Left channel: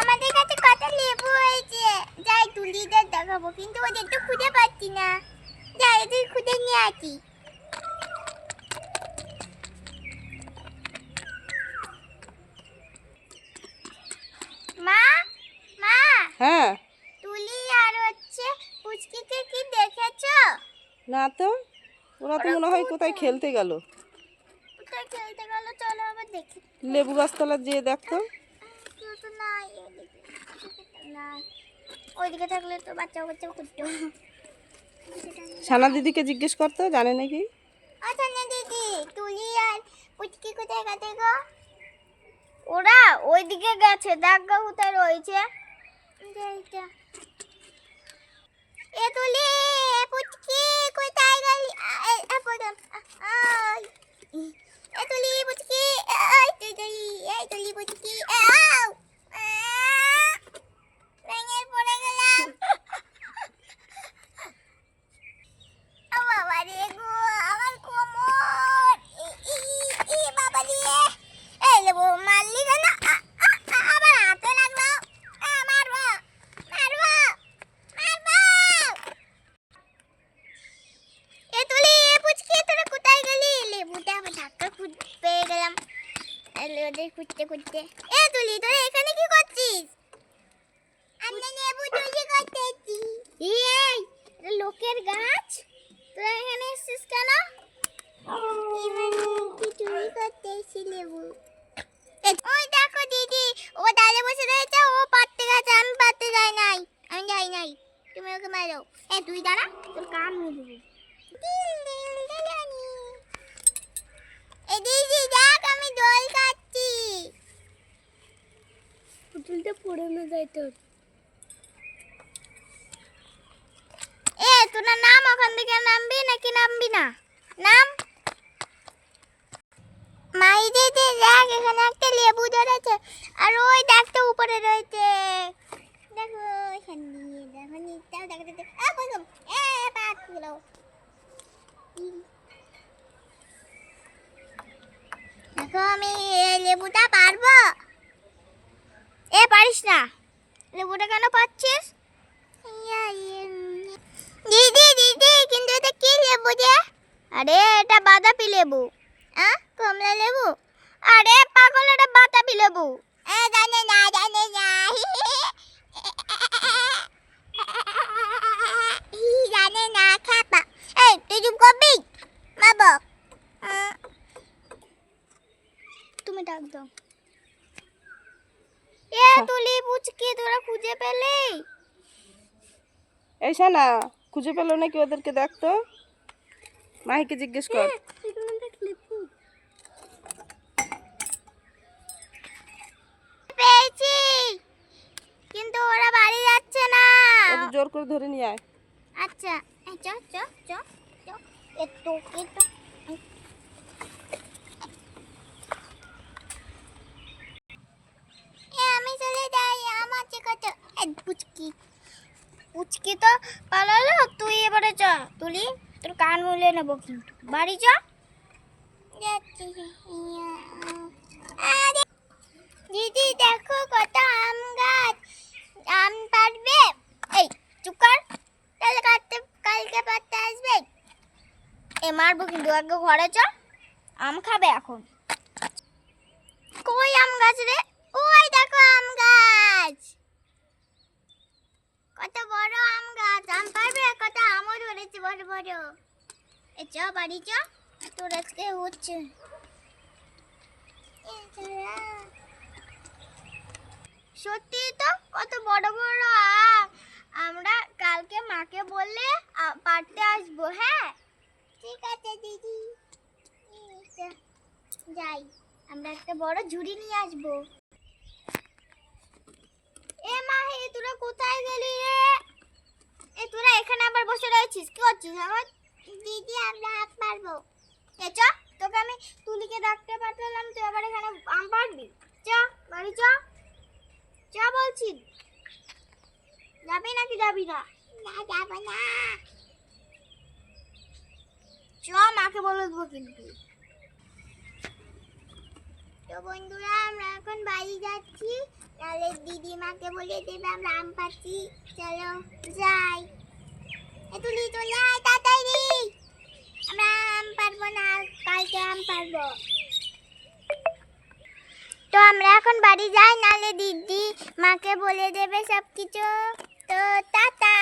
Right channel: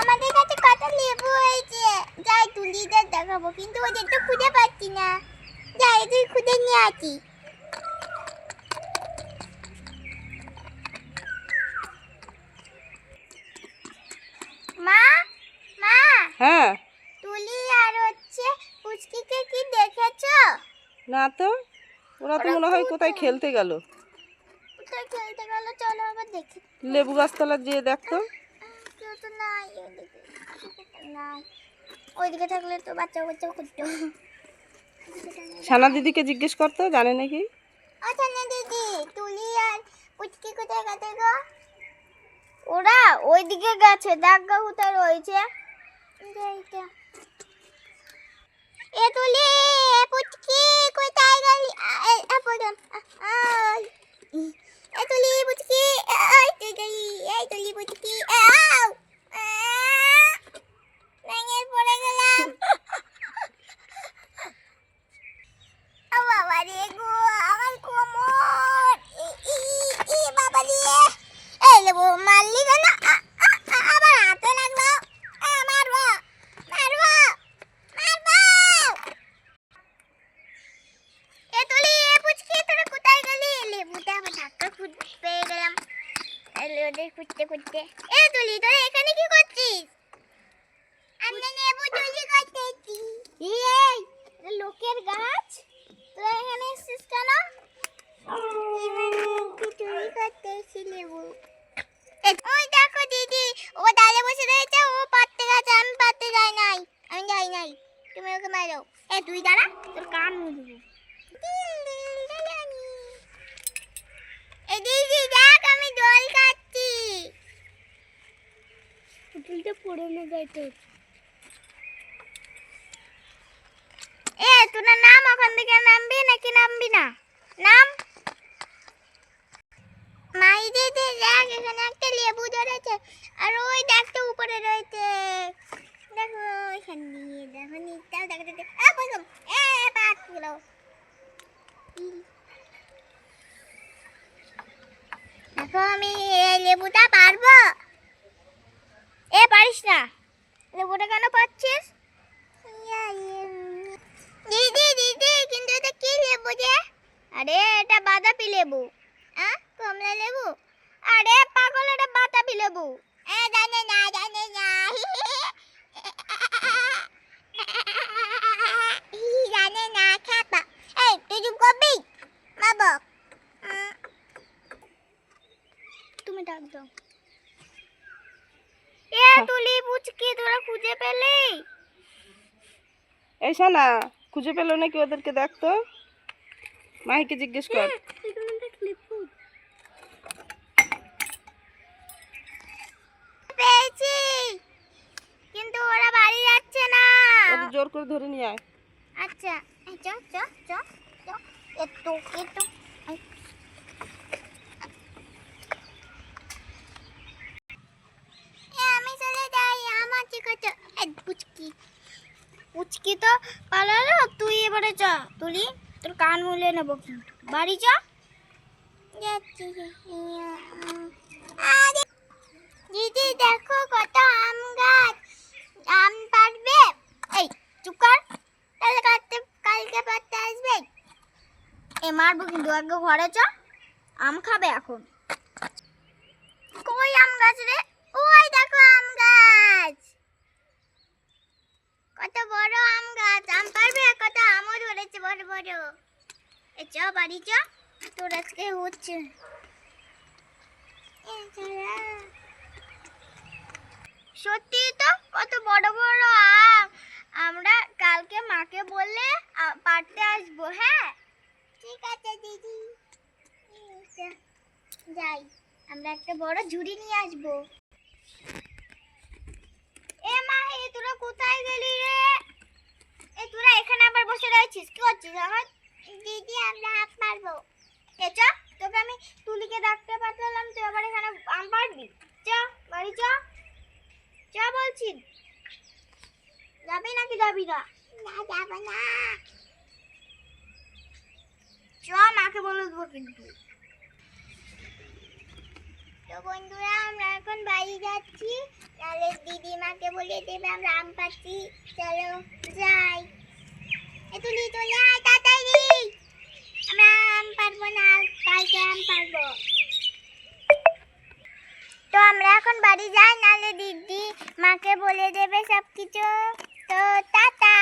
আমাদের কাছে কত লেবু হয়েছে, যাই তুলিদের দেখাবো, কিন্তু ওদের তো খুঁজে পাচ্ছি না। যাই তুই খুঁজে নিয়ে আসি। মা মা, হ্যাঁ। তুলি আর পুচকিকে কি দেখেছো? না তো, ওরা তো মনে হয় কোথায় খেলতে গেল। কোথায় খেলতে গেল? চলো আবার দেখি। লেবু গাছতলা যেয়ে দেখতো। কেউ তো নাই ওইদিকে, নাই। ওইদিকে থাকলে তো বাচ্চা বাচ্চা করতো। সানা দিদিকে জিজ্ঞেস করতো, জানে নাকি। আচ্ছা না দিদি, তুলি আর পুচকি কোথায় গেছে গো? ওরা ওইদিকে গেছে, দাগা কোথায় রয়েছে। এ তুলি, এ পুচকি কোথায় গেলি? এ তুলি পুচকি, এই তুই গেলি, এই তুলি পুচকি, ভেঙে পড়ে গেলাম। বাবা রে গো, আমার কোমর, বাবা রে, এই লেবু মারলি কেন? আবার হাতে লাগলো। মারবো মারবো মারবো। এ তুলি, এ পুচকি, তোরা কোথায় গেলি? লেবুটা আবার ধাক্কা পেয়ে গেলাম ওদের খুঁজতে খুঁজতে। এ তুলি, তোরা এখানে কি করছিস? আমরা লেবু চুরি করতেছি। এই লোকের গাছ, তোরা এখানে এসেছিস কেন? চুরি করতেছি লেবু। ওই দেখো দিদি, ও ডালে বসে রয়েছে, ও পাততে গেছে, আমি পাততে যাই নাই। আমি যাই নাই, তুমি ওকে মারো। এ তুই দাঁড়া, তোর কান মুড়বো। দিদি দেখ, আমি দোল খাচ্ছি। পুতুলটা পড়ে না যায় তোর। এ তোরা নাম, ওখান থেকে নামবি নাকি নামবি না? নাম। মাই দিদি দেখ, এখানে একটা লেবু ধরেছে, আর ওই দেখটা উপরে রয়েছে। দেখো এখান দিয়ে, দেখো নিচটাও দেখা যাচ্ছে। পাত গেল। দেখো আমি এই লেবুটা পারবো। পারিস না, লেবুটা কেন পাচ্ছিস? দিদি দিদি, কিন্তু এটা কি লেবু যে? আরে এটা বাতাবি লেবু। কমলা লেবু? আরে পাগল, এটা বাতাবি লেবু। জানে না জানে না। জানে না খাপা। এই তুই চুপ করবি বাবা? তুমি ডাক দাও। তুলি পুচকি, তোরা খুঁজে পেলি? এই সানা, খুঁজে পেলো নাকি ওদেরকে দেখতো। মাহিকে জিজ্ঞেস কর। পেয়েছি, কিন্তু ওরা বাড়ি যাচ্ছে না। ওদের জোর করে ধরে নিয়ে আয়। আচ্ছা, চ চ চ চ, একটু একটু। আমি চলে যাই, আমার চিকাতে। পুচকি পুচকি তো পালালো, তুই এবারে চ। তুলি, তোর কান মুলে নেবো কিন্তু। বাড়ি চ। দিদি দেখো কত আম গাছ, আম পারবে? এই চুপ কর, কালকে পারতে আসবে। মারবো কিন্তু, আগে ঘরে চ, আম খাবে এখন। কই আম গাছ রে? ওই দেখো আম গাছ, কত বড় আম গাছ। আম পারবে? কত আমও ধরেছে বড় বড়। চ বাড়ি চ, তোর আজকে হচ্ছে। সত্যি তো, কত বড় বড় আম। আমরা কালকে মাকে বললে পারতে আসবো। হ্যাঁ ঠিক আছে দিদি, যাই, আমরা একটা বড় ঝুড়ি নিয়ে আসবো। মাহি, তোরা কোথায় গেলি রে? তোরা এখানে আবার বসে রয়েছিস, কি করছিস এখন? দিদি আমরা হাত মারবো। চ, তোকে আমি তুলিকে ডাকতে পাঠালাম, তুই আবার এখানে আম পারবি? চ বাড়ি চ, চ বলছি। যাবি নাকি যাবি না? যাব না। চ, মাকে বলে দেবো কিন্তু। তো বন্ধুরা, আমরা এখন বাড়ি যাচ্ছি, নালে দিদি মাকে বলে দেবে আমরা আম পাচ্ছি। চলো যাই। এ তুলি চলে আয় তাড়াতাড়ি, আমরা আম পারবো না, কালকে আম পারবো। তো আমরা এখন বাড়ি যাই, নালে দিদি মাকে বলে দেবে সবকিছু। তো টাটা।